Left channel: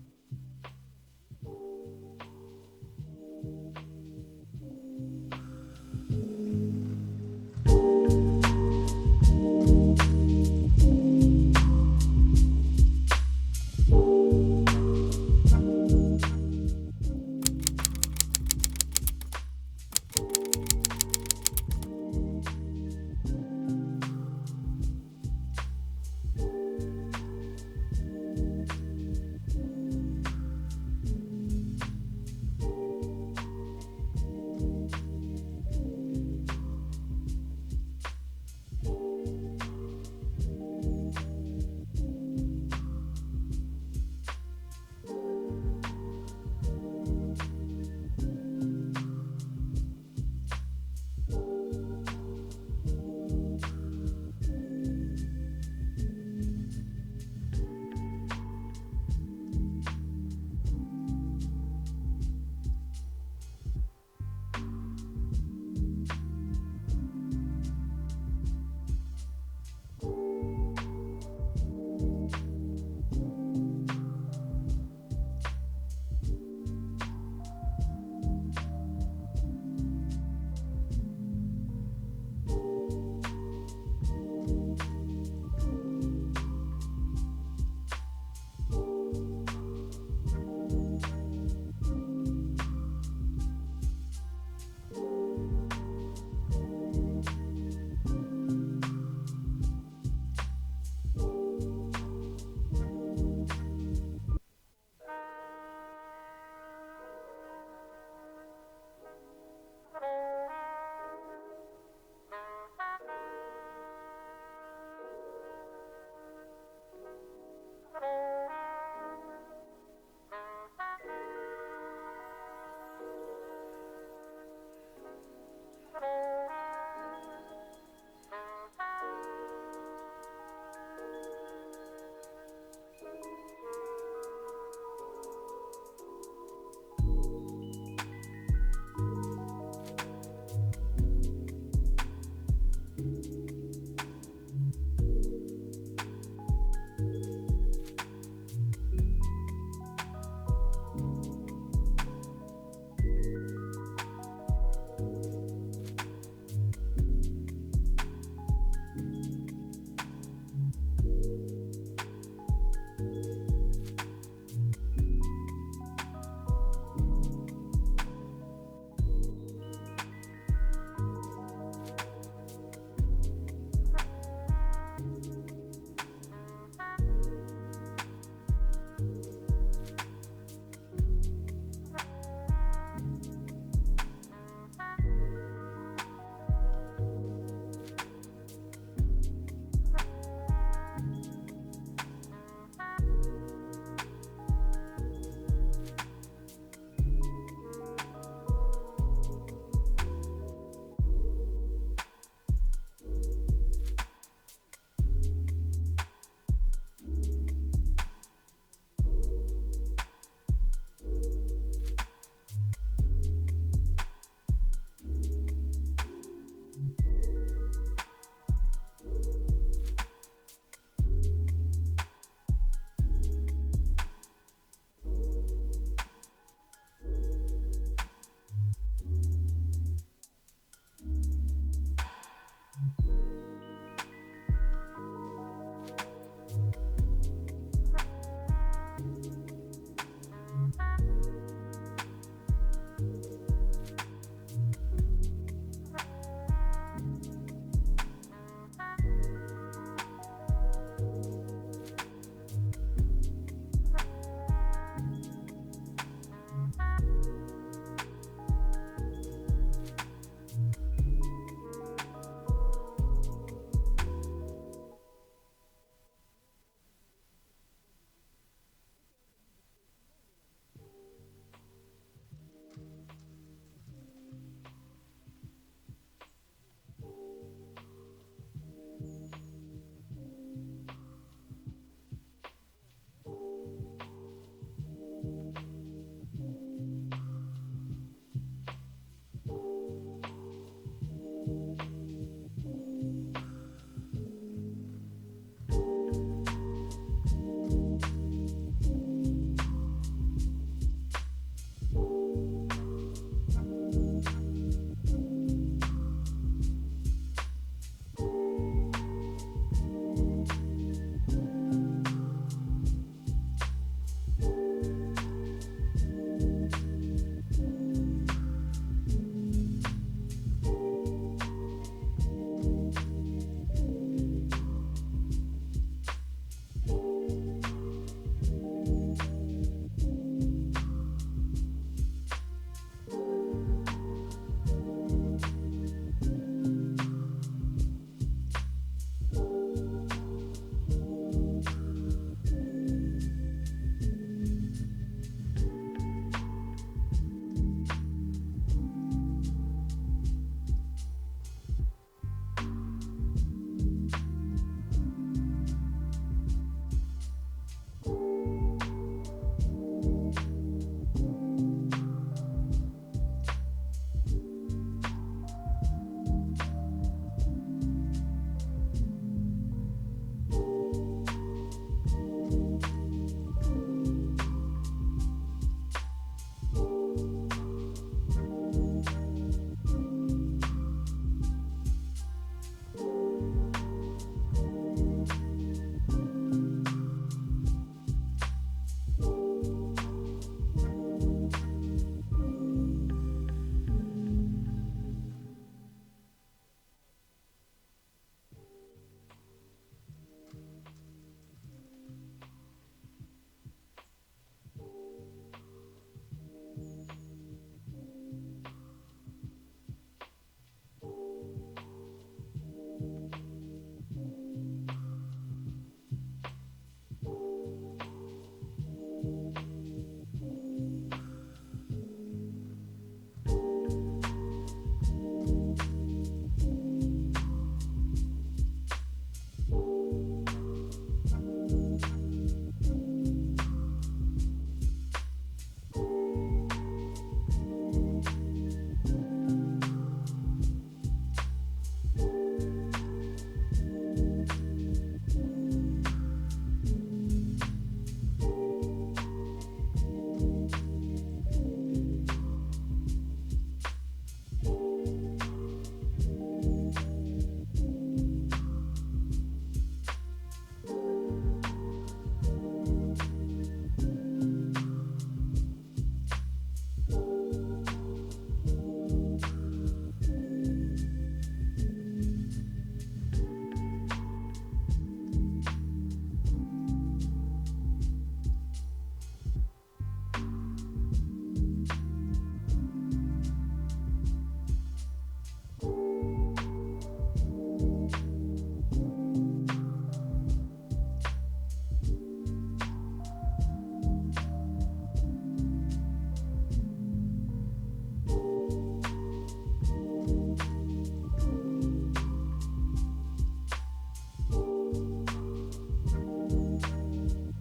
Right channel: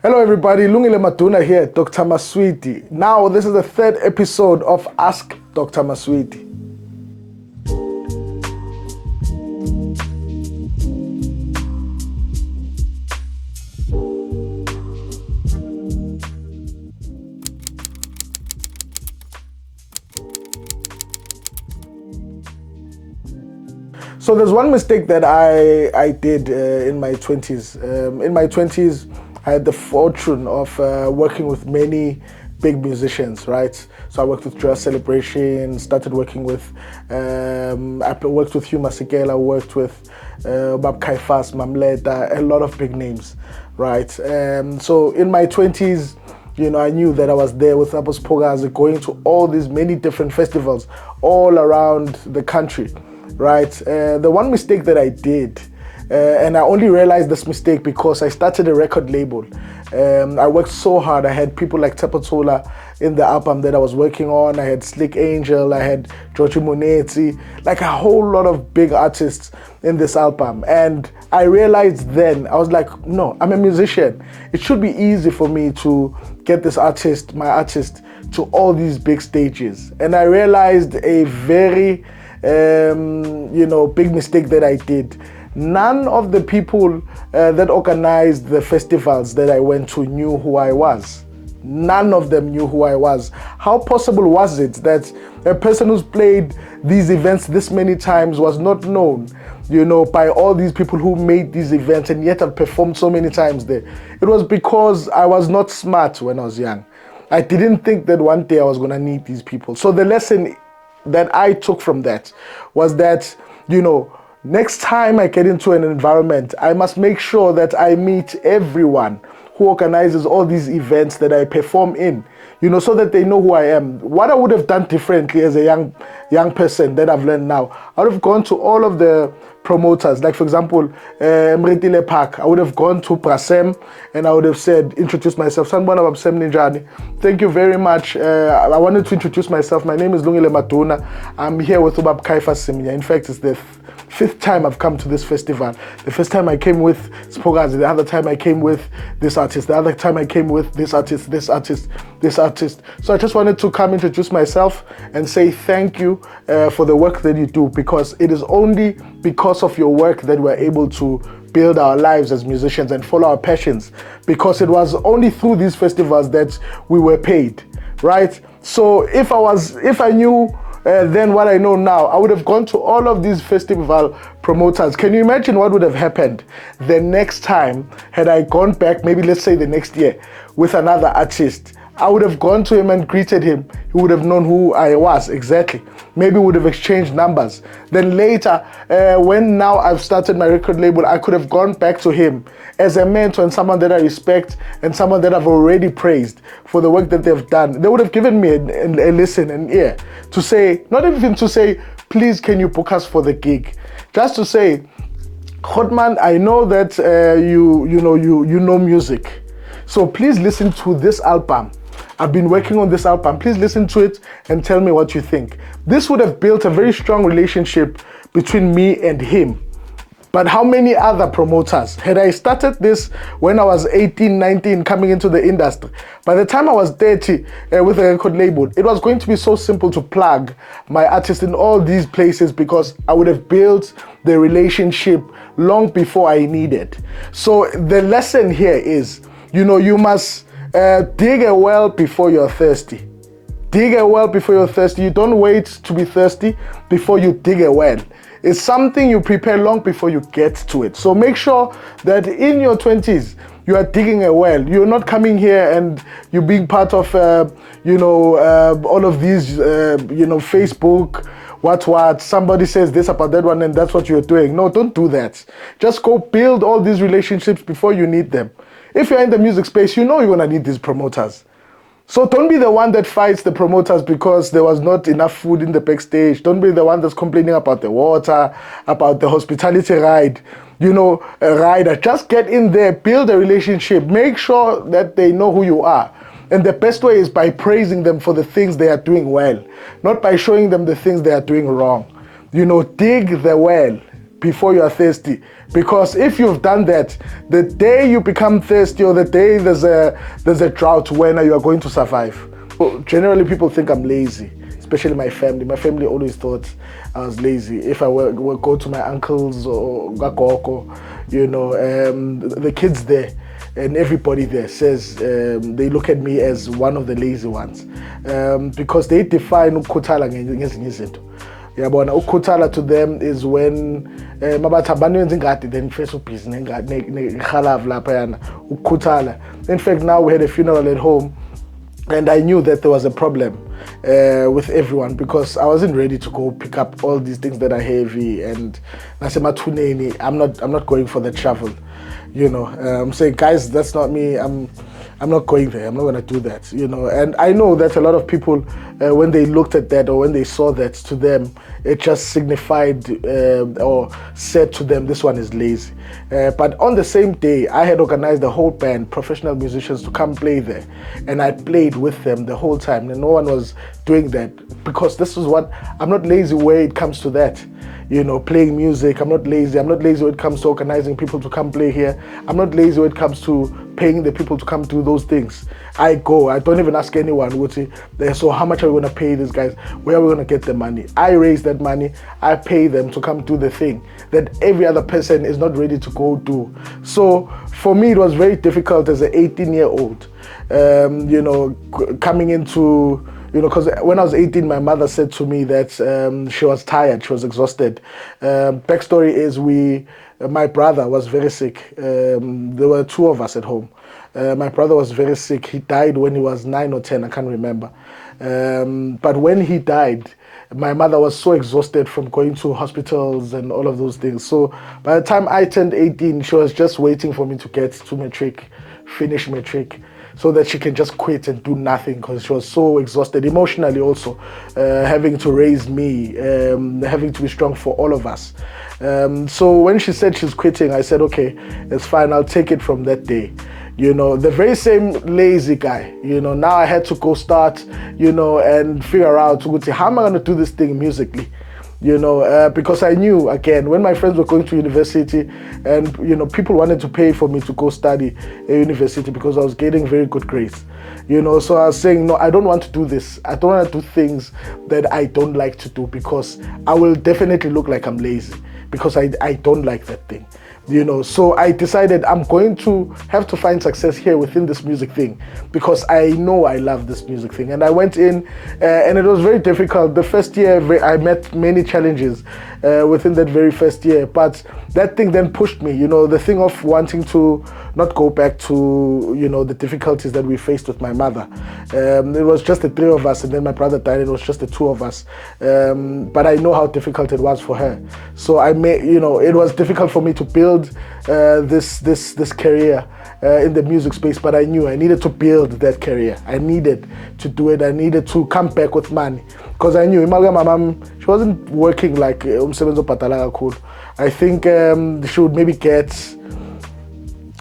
Hello everybody, Lungile Maduna here, Dr. Maswidi. Now this is the third episode of Ask Dr. Maswidi. So there's one mistake that I did in my 20s. In my 20s, I had the fortune of working with many big musicians, right? So I worked with Joyous Celebration, started working with, I worked with Hugh Masekela, worked with Bab Kaifas, Mamleta, a lot of big names, right? So in my 20s, I knew that I was there with Apos Pogazi, going to all these many different festivals all around the country. Right, the one mistake that I did, and I only realized this mistake because I started a record label. I worked so hard. I had people like Tepatola in the album that I was working on. I had Slick Angel, I had Georgie Moneti, like a whole lot of big artists in this album. And I realized then, I was like, no, I'm a musician. It should be easy for me to get this artist, my artist, to all these big stages. And I realized a very big mistake that I did. None of the people that organized the festivals that I went to knew who I was. None of them knew who I was. How possible was it that a person who's played these events this many times was not known, by all these people who made these events, and yet I've performed so many times there? It was because I was not smart when I was young. I didn't think that one day I was going to need these people. So the lesson that I took from that was that, next time I get into an environment, I must make sure that I meet everyone who organizes all these events that I perform in, so that they know who I am. What I would have done differently as a young person that I've learned now, I would have gone to all of the promoters, like for example, Mritile Park. I would have gone to Prasem and I would have said, introduce myself. Sanbona Babsem Ninjani. Thank you very much. I wanted to introduce myself. My name is Lungile Maduna. I'm here with Ubab Kaifa Simya. In fact, it's the fifth time I've come to this festival. The first time I came with Spogazi, the other time I came with this artist, the other time I came with this artist, this artist, this artist. So I just wanted to come introduce myself and say thank you for the work that you do, because it is only because of your work that we're able to build our lives as musicians and follow our passions, because it was only through these festivals that we were paid, right? So if I knew then what I know now, I would have gone to all of these festival promoters. Can you imagine what would have happened the next time had I gone back, maybe let's say the next year, with another artist? I would have gone to him and greeted him. He would have known who I was exactly. Maybe we would have exchanged numbers. Then later, when now I've started my record label, I could have gone back to him as a mentor and someone that I respect and someone that I've already praised for the work that they've done. They would have given me a listen, an ear, to say, not even to say, please can you book us for the gig? Just to say, Hotman, I know that you know music. So please listen to this album. I've been working on this album. Please listen to it and tell me what you think. This would have built a very strong relationship between me and him. But how many other promoters? Had I started this when I was 18, 19, coming into the industry, by the time I was 30 with a record label, it was going to be so simple to plug my artist in all these places, because I would have built the relationship long before I needed. So the lesson here is, you must dig a well before you're thirsty. Dig a well before you're thirsty. You don't wait to be thirsty before you dig a well. It's something you prepare long before you get to it. So make sure that in your 20s, you are digging a well. You're not coming here and you're being part of, all of these, Facebook, what, somebody says this about that one and that's what you're doing. No, don't do that. Just go build all these relationships before you need them. If you're in the music space, you're going to need these promoters. So don't be the one that fights the promoters because there was not enough food in the backstage. Don't be the one that's complaining about the water, about the hospitality ride, a rider. Just get in there, build a relationship, make sure that they know who you are. And the best way is by praising them for the things they are doing well, not by showing them the things they are doing wrong. Dig the well. before you are thirsty. Because if you've done that, the day you become thirsty or the day there's a drought, when you are going to survive. Well, generally, people think I'm lazy, especially my family. My family always thought I was lazy. If I were go to my uncles or gakoko, the kids there and everybody there says they look at me as one of the lazy ones, because they define ukukhuthala ngezinye izinto. Yabona, ukukhuthala to them is when mabathi abantu wenza ingadi then first ubhizi nehalavu lapha yana ukukhuthala. In fact, now we had a funeral at home and I knew that there was a problem with everyone, because I wasn't ready to go pick up all these things that are heavy, and nasemathuneni I'm not going for the travel. I'm saying, guys, that's not me. I'm not going there. I'm not going to do that. And I know that a lot of people, when they looked at that or when they saw that, to them, it just signified or said to them, this one is lazy. But on the same day, I had organized the whole band, professional musicians, to come play there. And I played with them the whole time. And no one was doing that, because this is what, I'm not lazy where it comes to that. Playing music, I'm not lazy. I'm not lazy when it comes to organizing people to come play here. I'm not lazy when it comes to paying the people to come do those things. I go, I don't even ask anyone, so how much are we going to pay these guys? Where are we going to get the money? I raise that money, I pay them to come do the thing that every other person is not ready to go do. So for me, it was very difficult as an 18-year-old, coming into, because when I was 18, my mother said to me that she was tired, she was exhausted. Backstory is my brother was very sick. There were two of us at home. My brother was very sick. He died when he was 9 or 10, I can't remember. But when he died, my mother was so exhausted from going to hospitals and all of those things. So by the time I turned 18, she was just waiting for me to get to matric, finish matric, so that she can just quit and do nothing, because she was so exhausted emotionally also, having to raise me, having to be strong for all of us. So when she said she's quitting, I said, okay, it's fine, I'll take it from that day. The very same lazy guy, now I had to go start, and figure out, how am I going to do this thing musically? Because I knew, again, when my friends were going to university and, people wanted to pay for me to go study at university because I was getting very good grades, so I was saying, no, I don't want to do this. I don't want to do things that I don't like to do, because I will definitely look like I'm lazy, because I don't like that thing. So I decided I'm going to have to find success here within this music thing, because I know I love this music thing. And I went in, and it was very difficult. The first year, I met many challenges within that very first year, but that thing then pushed me, the thing of wanting to not go back to, the difficulties that we faced with my mother. It was just the three of us, and then my brother died, it was just the two of us. But I know how difficult it was for her. So it was difficult for me to build this career in the music space, but I knew I needed to build that career. I needed to do it. I needed to come back with money, because I knew my mom, she wasn't working like umsebenzi ophatala kakhulu. I think she would maybe get,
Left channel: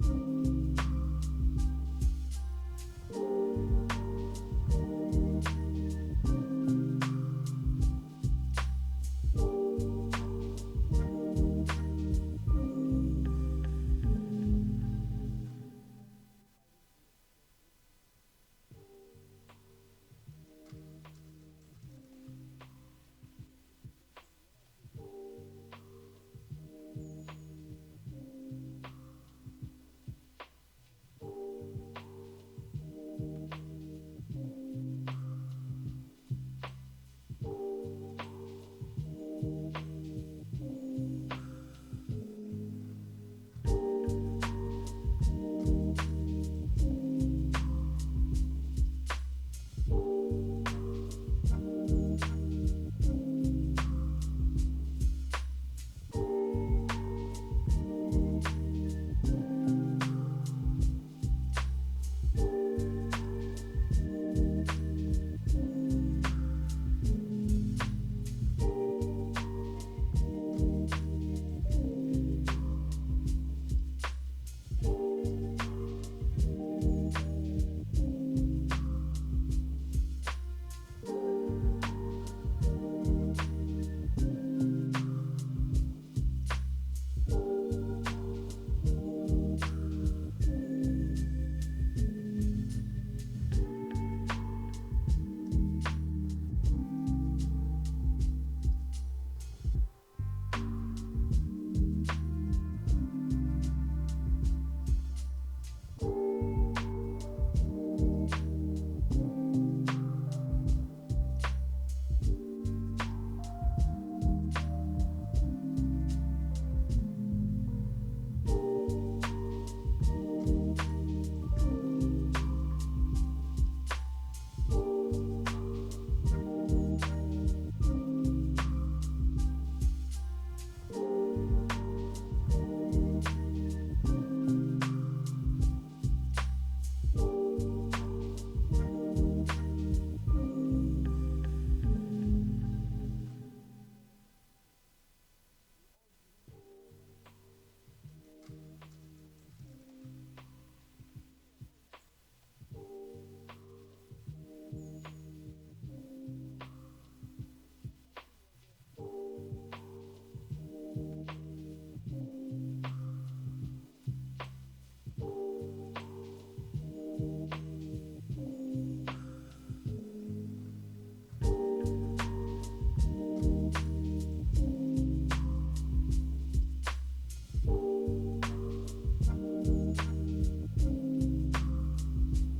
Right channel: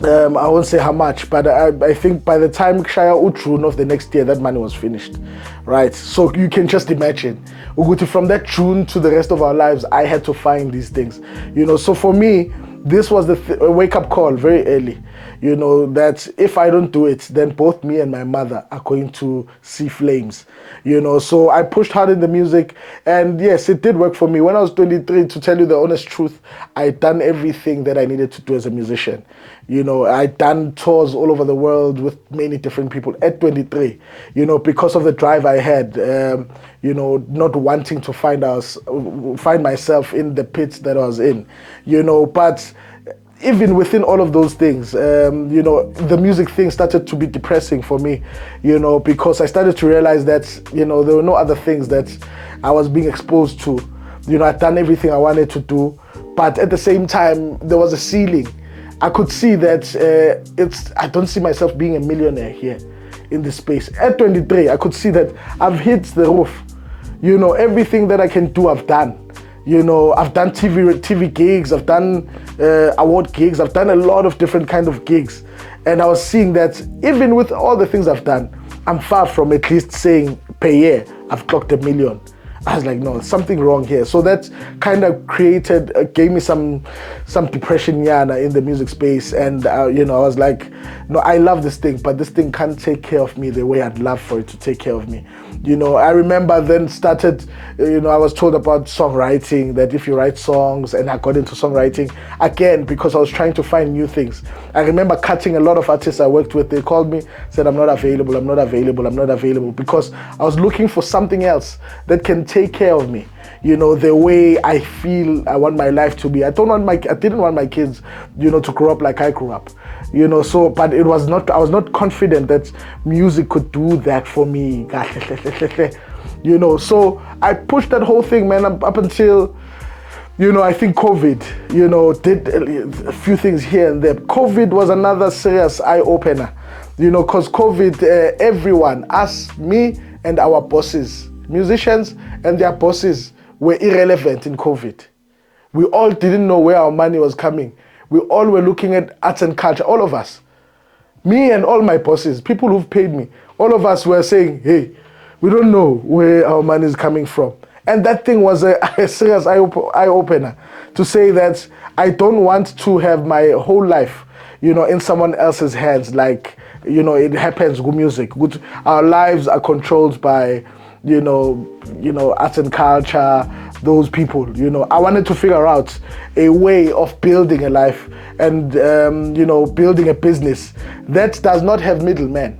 I won't say how much, but I think by the time Shaya June of the next year, that money was finished, right? So you can just imagine, from that June to the rest of our lives, I had to find these things, So for me, this was a wake-up call very early, that if I don't do it, then both me and my mother are going to see flames, So I pushed hard in the music, and yes, it did work for me. When I was 23, to tell you the honest truth, I'd done everything that I needed to do as a musician. I'd done tours all over the world with many different people at 23, because of the drive I had, not wanting to find myself in the pits that I was in, but even within all of those things, the music thing started to be depressing for me, because I started to realize that, there were no other things that I was being exposed to. I'd done everything I wanted to do, but at the same time, there was a ceiling. I could see that I don't see myself being a millionaire here in this space. At 23, I could see that I've hit the roof. Everything that I can do, I've done. I've done TV gigs, I've done award gigs, I've done a lot of different kind of gigs. And I was seeing that even with all the things I've done, I'm far from at least saying per year, I've clocked $1 million. I was like, no, something wrong here. So that kind of gave me some depression in the music space. And, I was like, no, I love this thing, but this thing can't take care of me the way I'd love for it to take care of me. I remember then started, I was told about songwriting, that if you write songs, and I got into songwriting again because I was trying to find new things. I remember cutting a lot of artists I worked with. They called me, said, I'm not available, because I was looking for something else that can take care of me, the way I feel I want my life to be. I didn't want my kids, to grow up like I grew up. But I was not confident that music could do that for me. So I pushed that whole thing, man, up until, I think COVID, did a few things here and there. COVID was another serious eye-opener, because COVID, everyone, us, me, and our bosses, musicians and their bosses were irrelevant in COVID. We all didn't know where our money was coming. We all were looking at arts and culture, all of us. Me and all my bosses, people who've paid me, all of us were saying, hey, we don't know where our money is coming from. And that thing was a serious eye-opener to say that I don't want to have my whole life, in someone else's hands. Like, it happens with music. Our lives are controlled by, arts and culture, those people. I wanted to figure out a way of building a life and, building a business that does not have middlemen.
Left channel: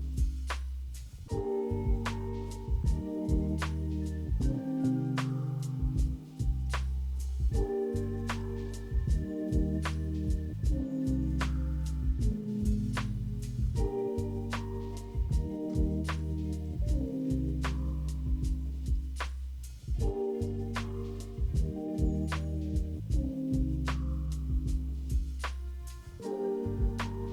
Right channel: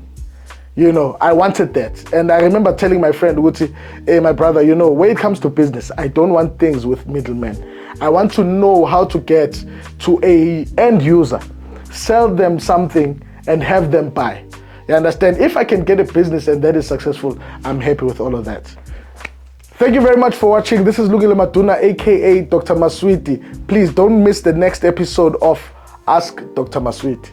I wanted that. And I remember telling my friend, Guti, hey, my brother, when it comes to business, I don't want things with middlemen. I want to know how to get to a end user, sell them something and have them buy. You understand? If I can get a business and that is successful, I'm happy with all of that. Thank you very much for watching. This is Lungile Maduna, aka Dr. Maswidi. Please don't miss the next episode of Ask Dr. Maswidi.